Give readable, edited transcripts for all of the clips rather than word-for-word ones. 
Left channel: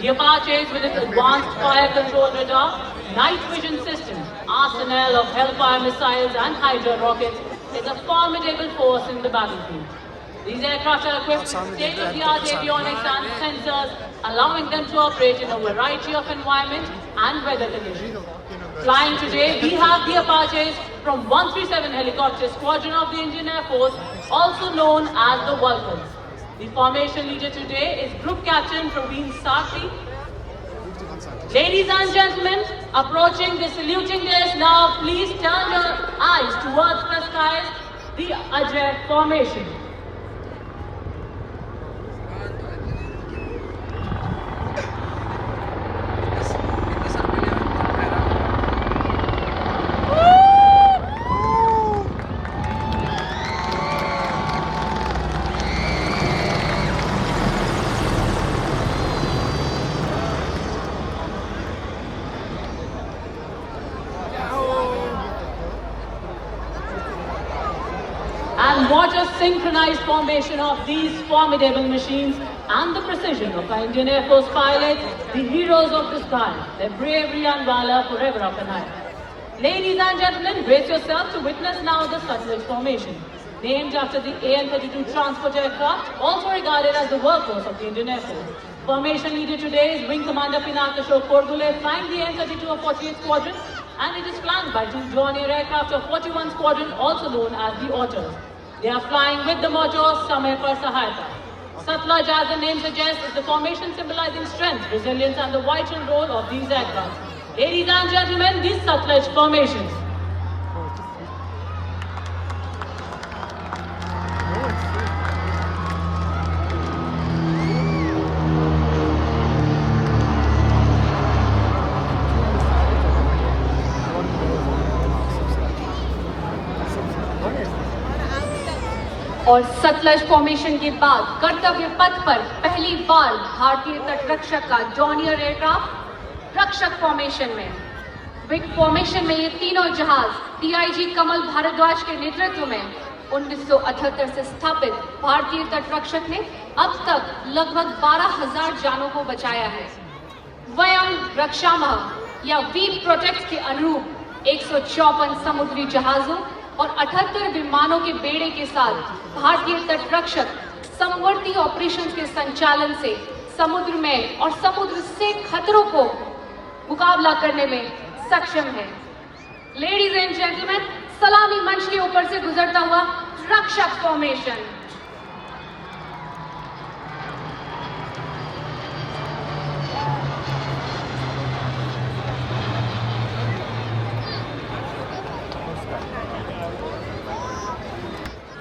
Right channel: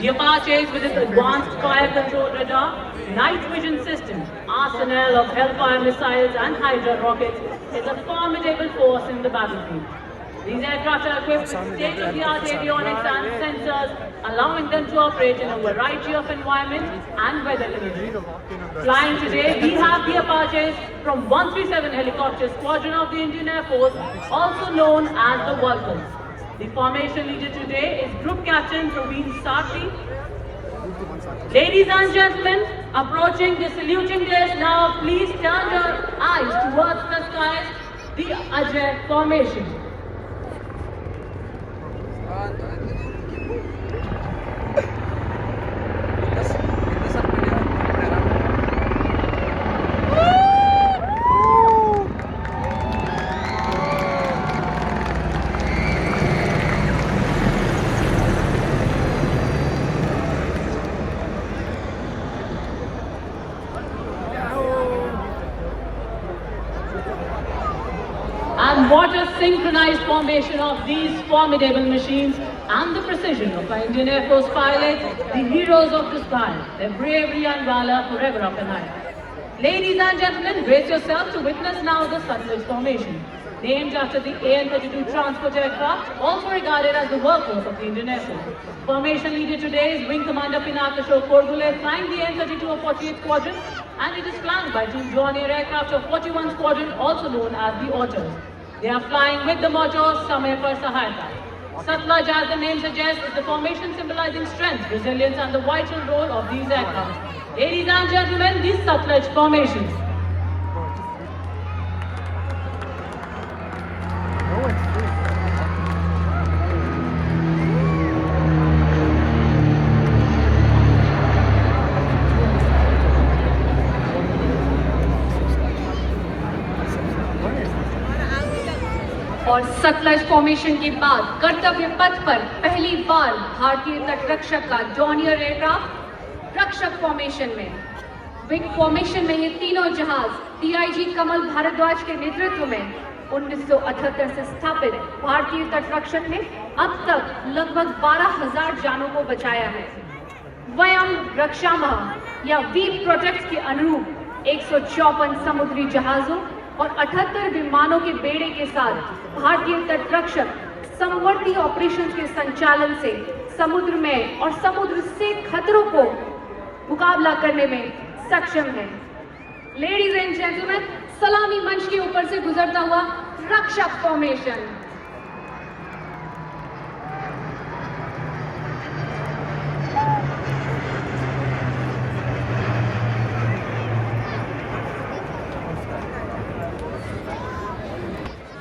The Apaches, with its advanced fire control radar, night vision system, arsenal of Hellfire missiles and Hydra rockets, is a formidable force in the battlefield. These aircraft are equipped with state-of-the-art avionics and sensors, allowing them to operate in a variety of environment and weather conditions. Flying today, we have the Apaches from 137 Helicopter Squadron of the Indian Air Force, also known as the Vulcans. The formation leader today is Group Captain Praveen Sathi. Ladies and gentlemen, approaching the saluting days now, please turn your eyes towards the skies, the Ajay formation. And what a synchronized formation of these formidable machines and the precision of our Indian Air Force pilots, the heroes of the sky, their bravery and valor forever up and high. Ladies and gentlemen, brace yourself to witness now the Satluj formation. Named after the AN-32 transport aircraft, also regarded as the workhorse of the Indian Air Force. Formation leader today is Wing Commander Pinakashore Khordule, flying the AN-32 of 48th Squadron, and it is flanked by two John Air aircraft of 41 Squadron, also known as the Otters. They are flying with the motto Samay Par Sahayata. Satluj, as the name suggests, is the formation symbolizing strength, resilience, and the vital role of these aircraft. Ladies and gentlemen, these Satluj formations. और Sutlej formation के बाद कर्तव्य पथ पर पहली बार भारतीय तटरक्षक का जॉनियर एयरक्राफ्ट रक्षक फॉर्मेशन में। विंग फॉर्मेशन में ये तीनों जहाज डीआईजी कमल भारद्वाज के नेतृत्व में 1978 से स्थापित भारतीय तटरक्षक ने अब तक लगभग 12,000 जानों को बचाया है। वयम रक्षामः या वी प्रोटेक्ट के अनुरूप 154 समुद्री जहाजों और 78 विमानों के बेड़े के साथ भारतीय तटरक्षक समवर्ती ऑपरेशंस के संचालन से समुद्र में और समुद्र से खतरों को मुकाबला करने में सक्षम है। लेडीज एंड जेंटलमैन, सलामी मंच के ऊपर से गुजरता हुआ रक्षक formation.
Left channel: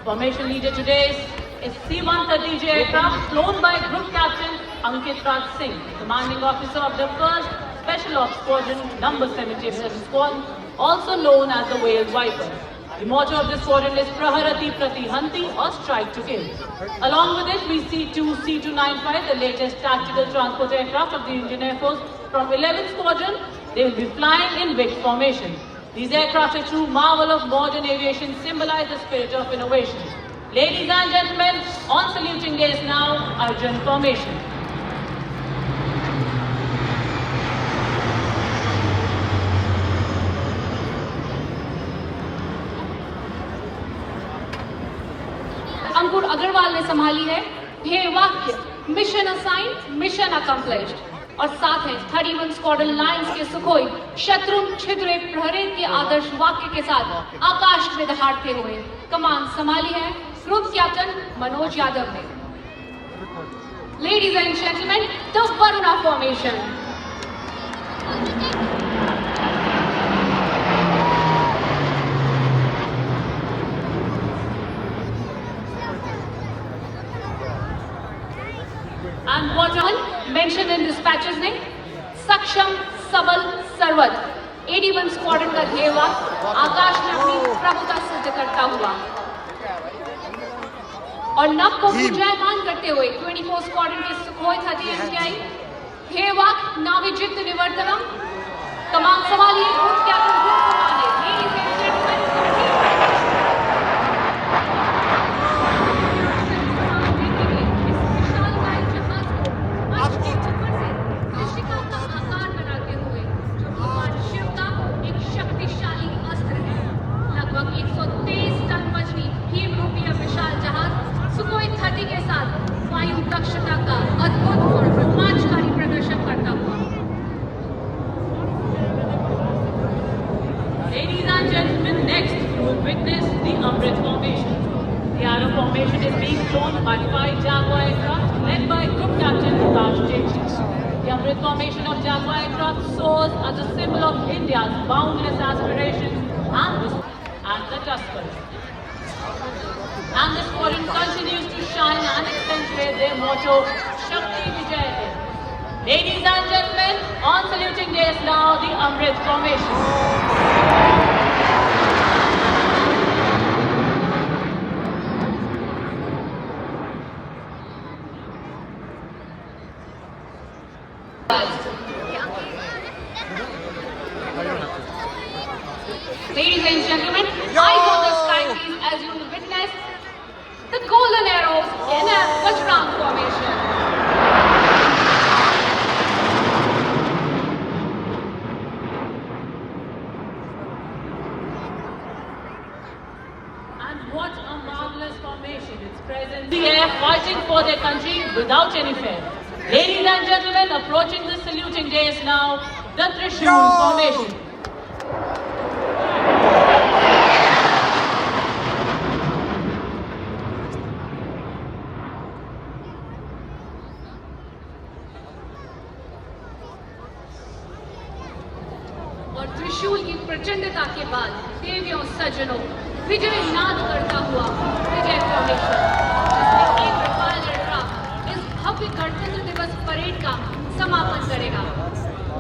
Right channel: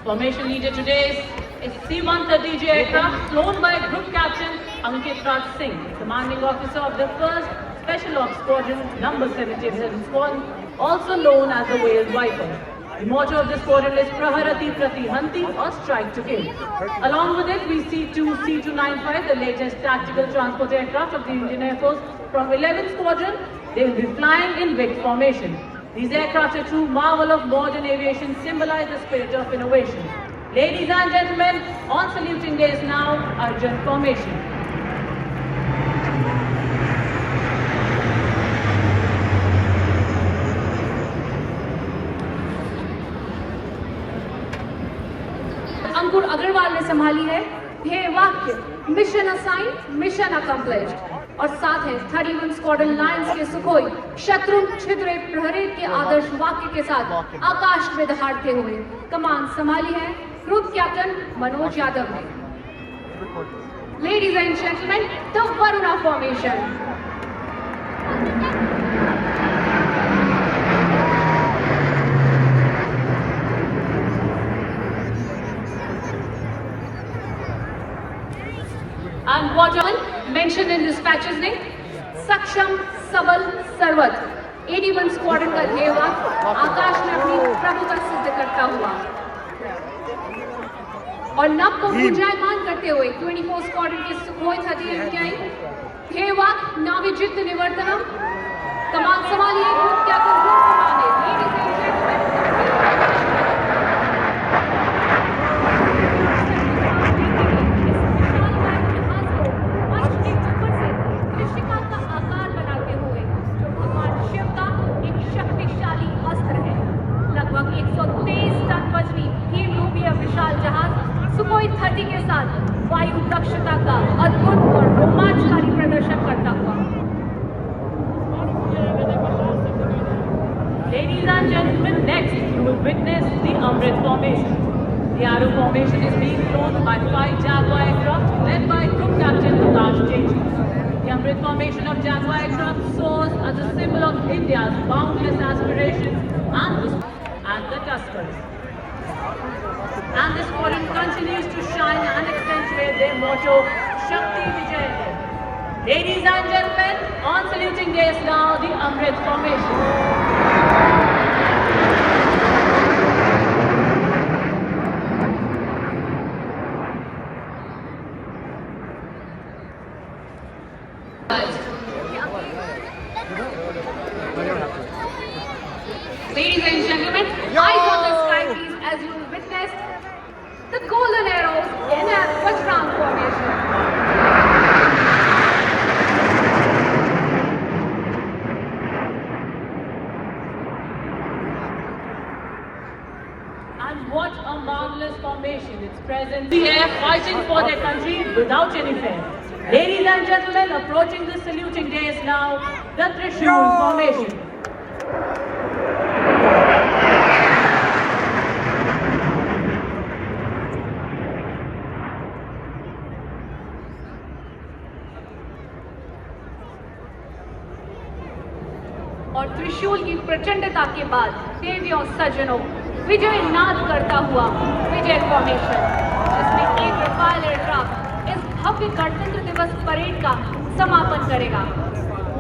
Formation leader today is C-130J aircraft flown by Group Captain Ankit Raj Singh, commanding officer of the 1st Special Ops Squadron, number 77 Squadron, also known as the Whale Viper. The motto of this squadron is Praharati Pratihanti, or Strike to Kill. Along with it, we see two C-295, the latest tactical transport aircraft of the Indian Air Force from 11th Squadron. They will be flying in Vic formation. These aircraft, a true marvel of modern aviation, symbolize the spirit of innovation. Ladies and gentlemen, on saluting days now, Arjun formation. अंकुर अग्रवाल ने संभाली है ध्येय वाक्य mission assign mission accomplished और साथ है 31 squadron Lions के Sukhoi शत्रु छिद्रे प्रहरित के आदर्श वाक्य के साथ आकाश में दहाड़ते हुए कमान संभाली है ग्रुप कैप्टन मनोज यादव ने। Ladies and gentleman, the Varuna formation. And what mentioned in dispatches ने सक्षम सबल सर्वत 81 स्क्वाड्रन का ध्येय वाक्य आकाश में अपनी प्रभुता सिद्ध करता हुआ और नभ को गुंजायमान करते हुए 24 स्क्वाड्रन के सुखोई 30 एमटीआई ध्येय वाक्य नाविजित निवर्तनम कमान संभालिए captain Jaguar aircraft soars as a symbol of India's boundless aspirations and the Tuskers. And the squadron continues to shine and accentuate their motto, Shakti Vijay. Ladies and gentlemen, on saluting day is now the Amrit formation. Ladies and gentlemen, eyes on the sky please as you will witness the golden arrows in a Bajrang formation. And what a marvelous formation. It's present in the air fighting for their country without any fear. Ladies and gentlemen, approaching the saluting day is now the Trishul formation. और त्रिशूल की प्रचंडता के बाद देवियों सज्जनों विजय नाद करता हुआ विजय फॉर्मेशन जिसमें एक रफाल एयरक्राफ्ट इस भव्य गणतंत्र दिवस परेड का समापन करेगा।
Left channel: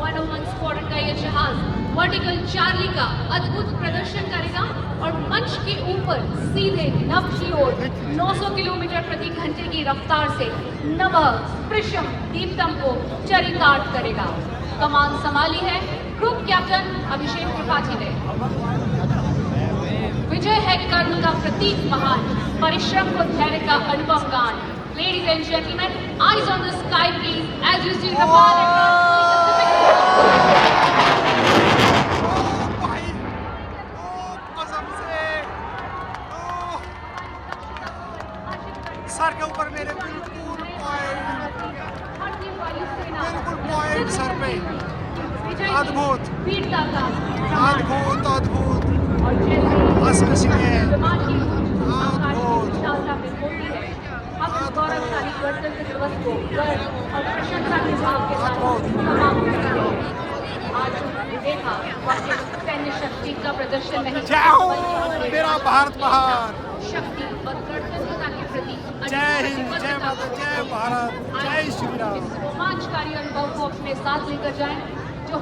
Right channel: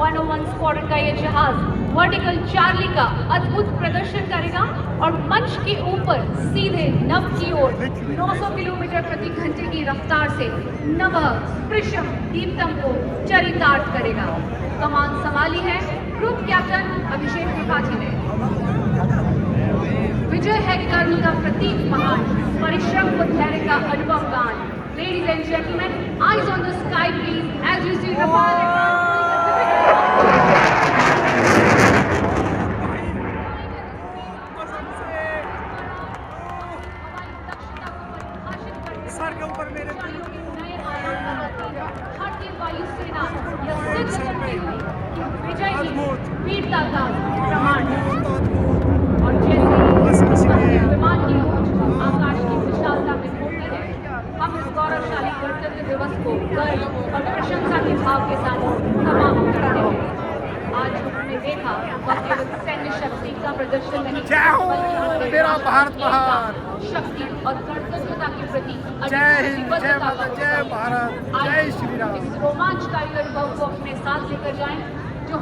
101 स्क्वाड्रन का ये जहाज वर्टिकल चार्ली का अद्भुत प्रदर्शन करेगा और मंच के ऊपर सीधे नभ की ओर 900 किलोमीटर प्रति घंटे की रफ्तार से नभ स्पृशम दीप्तम को चरितार्थ करेगा। कमान संभाली है ग्रुप कैप्टन अभिषेक त्रिपाठी ने। विजय है कर्म का प्रतीक महान, परिश्रम को धैर्य का अनुभव गान। Ladies and gentlemen, eyes on the sky please as you see sir के ऊपर मेरे बिल्कुल पॉइंट सर पे। अद्भुत अद्भुत अद्भुत बस इसलिए अद्भुत प्रदर्शन नहीं मेरा भारत महान। शक्ति और गणतंत्रता के प्रति जय हिंद, जय माता, जय भारत, जय श्री राम। रोमांचकारी अनुभव को अपने साथ लेकर जाएं।